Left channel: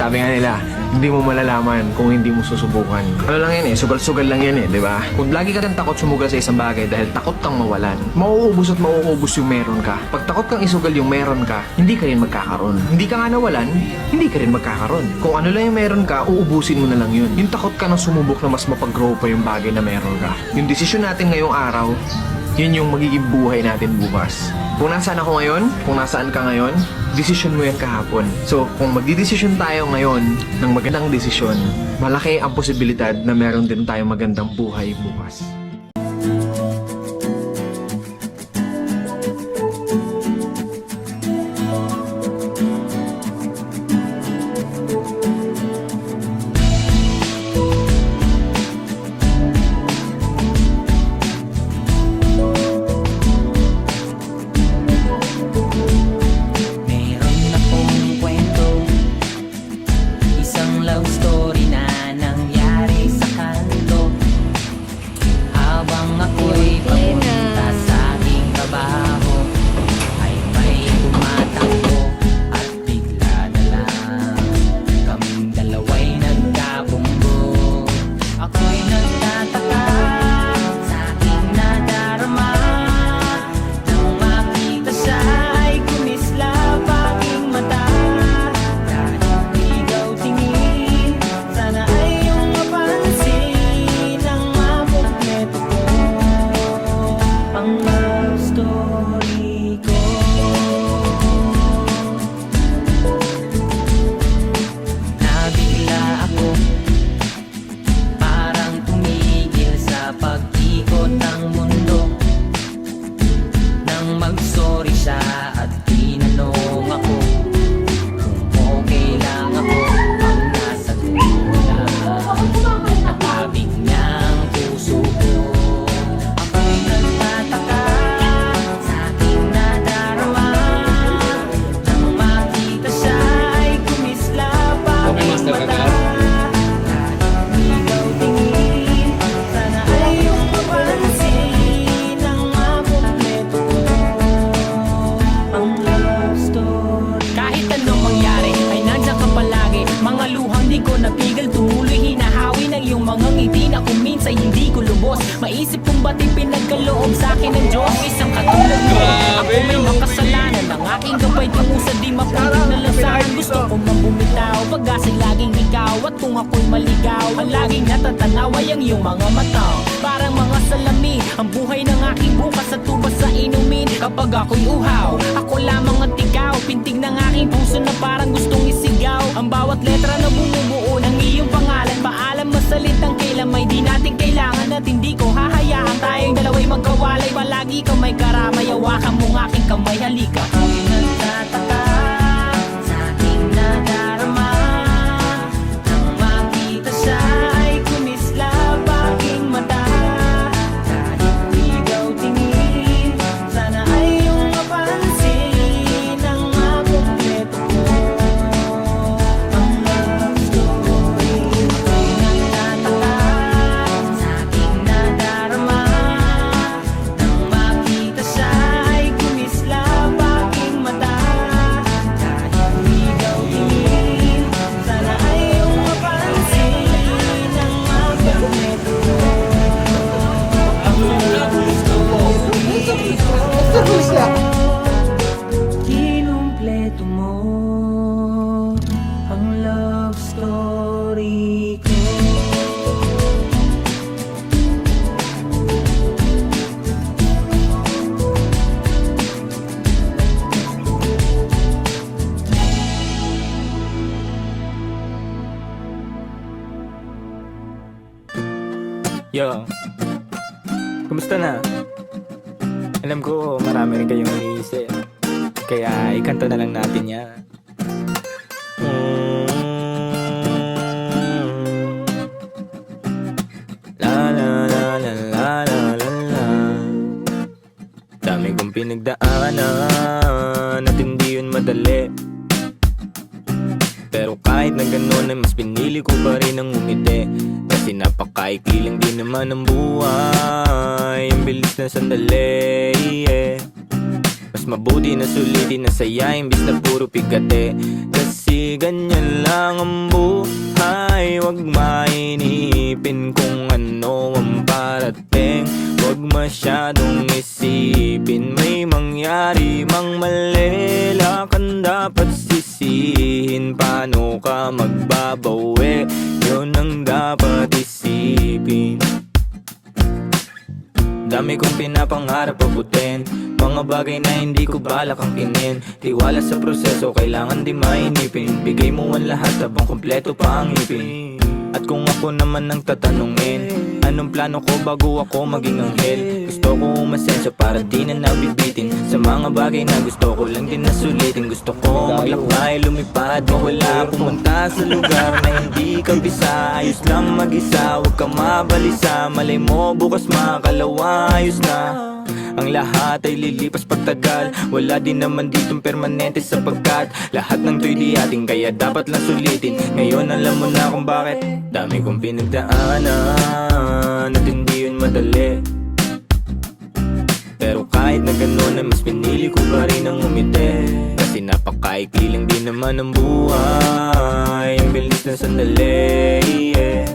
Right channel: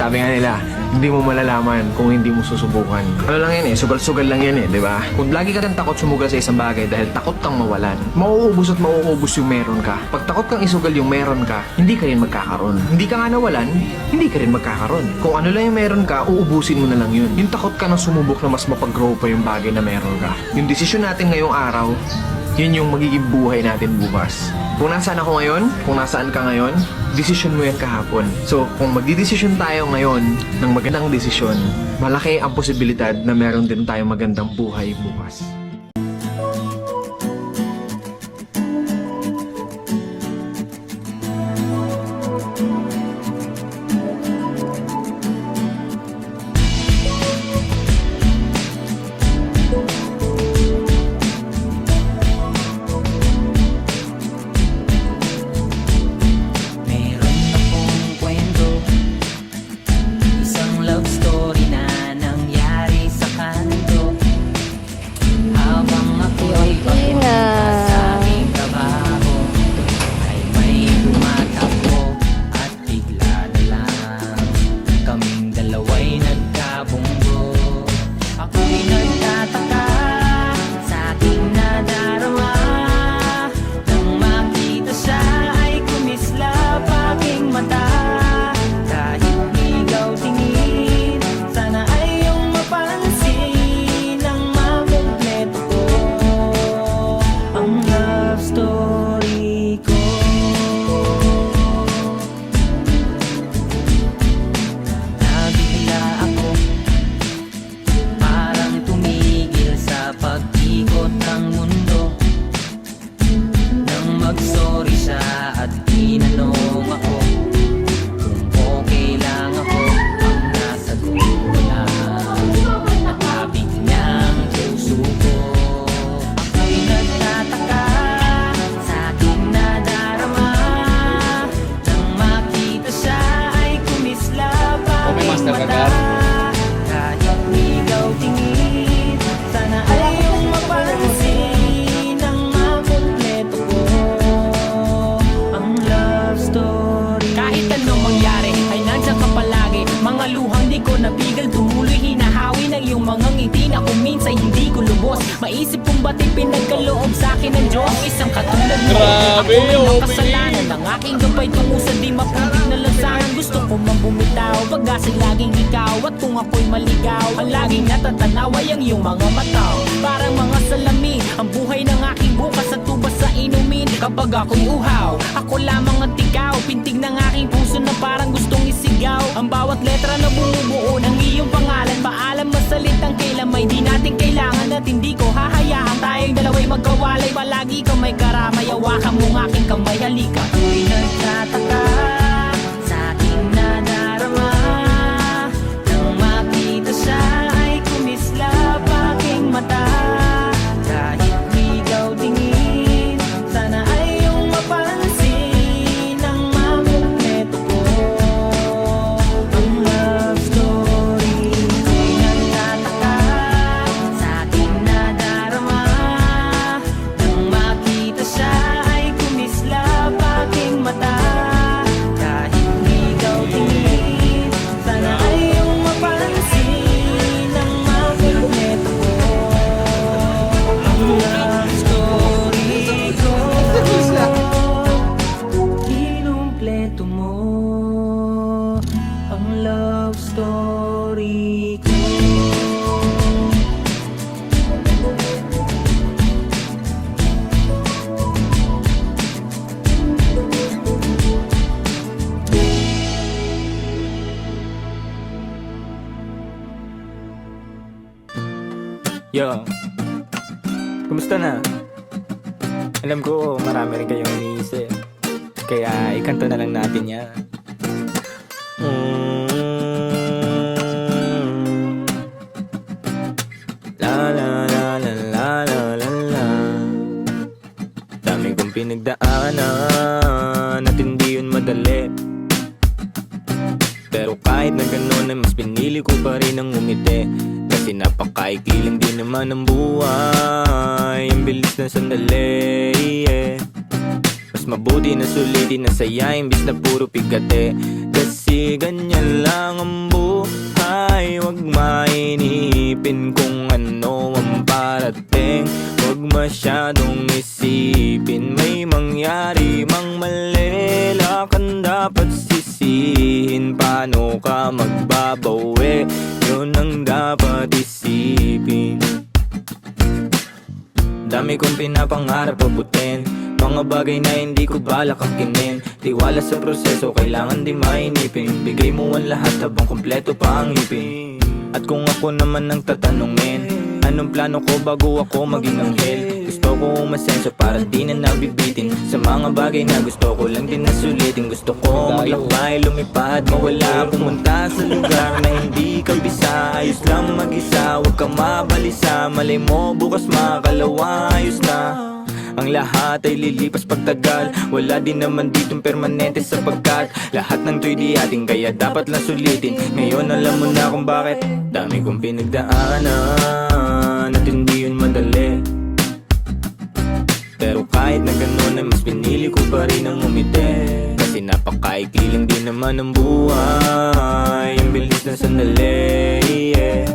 Sabi nga nila, hindi mo malalaman kung hindi mo susubukan. Ano lang yan eh, sugal-sugal lang yan eh, di ba? Kung lagi ka kang takot sumugal sa isang bagay dahil takot kang mawalan, mauubos at mauubos yung meron ka. Pag takot kang isugal yung meron ka, hindi ka rin magkakaroon. Hindi ka nga nawalan, hindi ka rin magkakaroon. Kung ano lang yung meron ka, uubusin mo na lang yun. Yung takot ka na sumubok na mas mapag-grow pa yung bagay na meron ka. Yung desisyon natin ngayong araw, yun yung magiging buhay natin bukas. Kung nasaan ako ngayon, kung nasaan ka ngayon, desisyon mo yan kahapon. So, kung magdidesisyon tayo ngayon ng magandang desisyon, malaki ang posibilidad na meron din tayong magandang buhay bukas. Love story na nangyari sa kanto habang ako'y papunta sa aking trabaho ay may tumatakbo at bigla na lang kaming dalawa'y nagkabunggo. Ako'y nagtataka sa aking nadarama nang makita siya ay kumislap aking mata. Sorry siya at tinanong ako kung okay lang ako. Ang nasa dulo lang natabig niyang puso ko. Ako'y nagtataka sa aking nadarama nang makita siya ay kumislap aking mata. Kahit ligaw tingin, sana ay iyong mapansin ang makumpleto ko. Kahit anong mangyari ay nandiyan ka palagi. Mga luhang di ko napigil, tumuloy hinahawi ng iyong mga ngiti na kung minsan hindi ko lubos. Maisip kong ba't pinagkaloob sa akin ng Diyos. Isang katulad mo, ako may makasalanan. Ang aking gabay tungo sa di mapuntig na lansangan. Gusto ko mang bumitaw, pag-asa'y laging ikaw. At kung ako'y maligaw, ang laging natatanaw ay ang iyong mga mata. Parang mga salamin, ang buhay ng aking bukas at tubas sa inumin. Kapag ako'y uhaw, ako lamang at ikaw. Pintig ng aking puso na parang gustong isigaw. Ang bawat letra na bumubuo ng iyong pangalan. Paalam masalitang kailan may di natin kailangan. At hindi ko hahayaan tayong dalawa'y magkawalay. Palagi ka may karamay, hawakan mong aking kamay, halika. Ako'y nagtataka sa aking nadarama nang makita siya ay kumislap aking mata. Kahit ligaw tingin, sana ay iyong mapansin ang makumpleto ko. Ang love story ko'y nagtataka sa aking nadarama nang makita siya ay kumislap aking mata. Kahit ligaw tingin, sana ay iyong mapansin ang makumpleto ko. Ang love story ko, kinumpleto mo. Ang love story ko. Yo, kumusta na? Alam ko marami rin kayong iniisip, kaya ikanta na lang natin yan. La la la la la la la la. Dami kong pinagdaanan at hindi yun madali. Pero kahit na gano'n ay mas pinili ko pa rin ang umiti. Kasi napakaikiling din naman ang buhay. Ang bilis na sandali, yeah. Mas mabuti na sulitin na saya imbis na puro pigate. Kasi ganyan lang ang buhay, wag mainipin kung ano ang parating. Wag masyadong isipin, may mangyari mang mali, lakan dapat sisihin. Paano ka magbabawi, yun ang dapat isipin. Dami kong pinapangarap abutin, mga bagay na hindi ko balak angkinin. Tiwala sa proseso, kailangan di mainipin. Bigay mo ang lahat habang kompleto pa ang ngipin. At kung ako naman ang tatanungin, anong plano ko bago ako maging anghel? Gusto ko umasenso para di na nabibitin sa mga bagay na gusto ko lang din na sulitin. Gusto ko maglakbay, lumipad, mawala, pumunta sa lugar na hindi ka bisa. Ayos lang mag-isa, huwag ka mabalisa. Malay mo bukas makalawa, ayos na. Ang lahat ay lilipas pagtagal, wala din naman ditong permanente sapagkat lahat ng to'y di ating, kaya dapat lang sulitin. Ngayon alam mo na kung bakit. Dami kong pinagdaanan at hindi yun madali, pero kahit na gano'n ay mas pinili ko pa rin ang umiti. Kasi napakaikli lang din naman ang buhay, ang bilis ng sandali, yeah.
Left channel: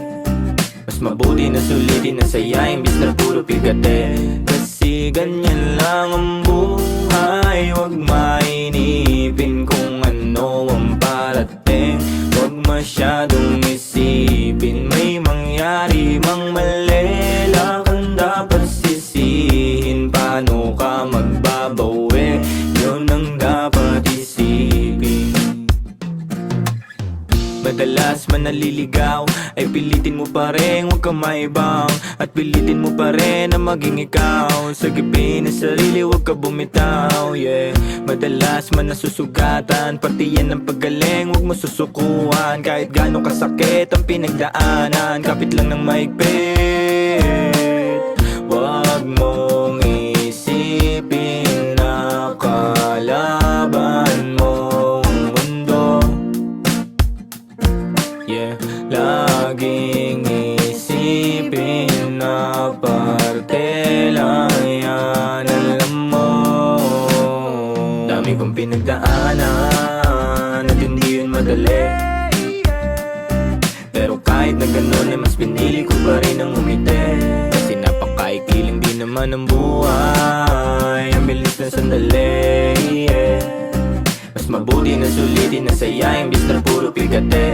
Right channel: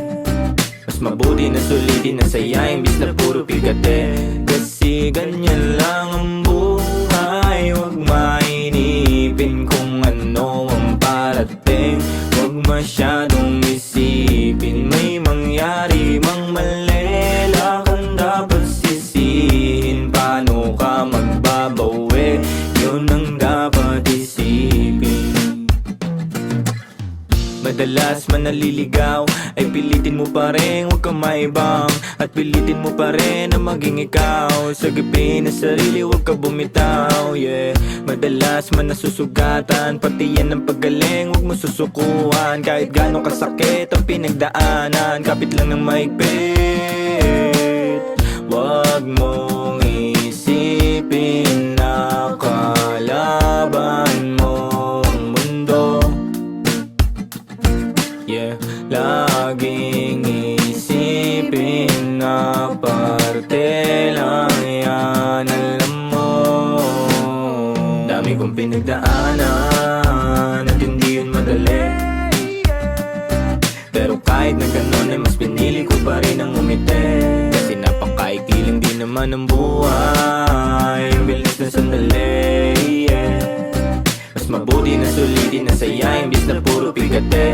Mas mabuti na sulitin na saya imbis na puro pigate. Kasi ganyan lang ang buhay, wag mainipin kung ano ang parating. Wag masyadong isipin, may mangyari mang mali, lakan dapat sisihin. Paano ka magbabawi, yun ang dapat isipin. Madalas man naliligaw ay pilitin mo pa rin, huwag kang maibang. At pilitin mo pa rin na maging ikaw. Sagipin na sarili, huwag ka bumitaw, yeah. Madalas man nasusugatan, pati yan ang paggaling, huwag mo susukuhan. Kahit gano'ng kasakit ang pinagdaanan, kapit lang ng maigpit. Huwag mong isipin na kalaban mo ang mundo, yeah. Laging isipin na parte lang yan, alam mo. Dami kong pinagdaanan at hindi yun madali, pero kahit na gano'n ay mas pinili ko pa rin ang umiti. Kasi napakaikli lang din naman ang buhay, ang bilis ng sandali, yeah. Mas mabuti na sulitin na saya imbis na puro pigate.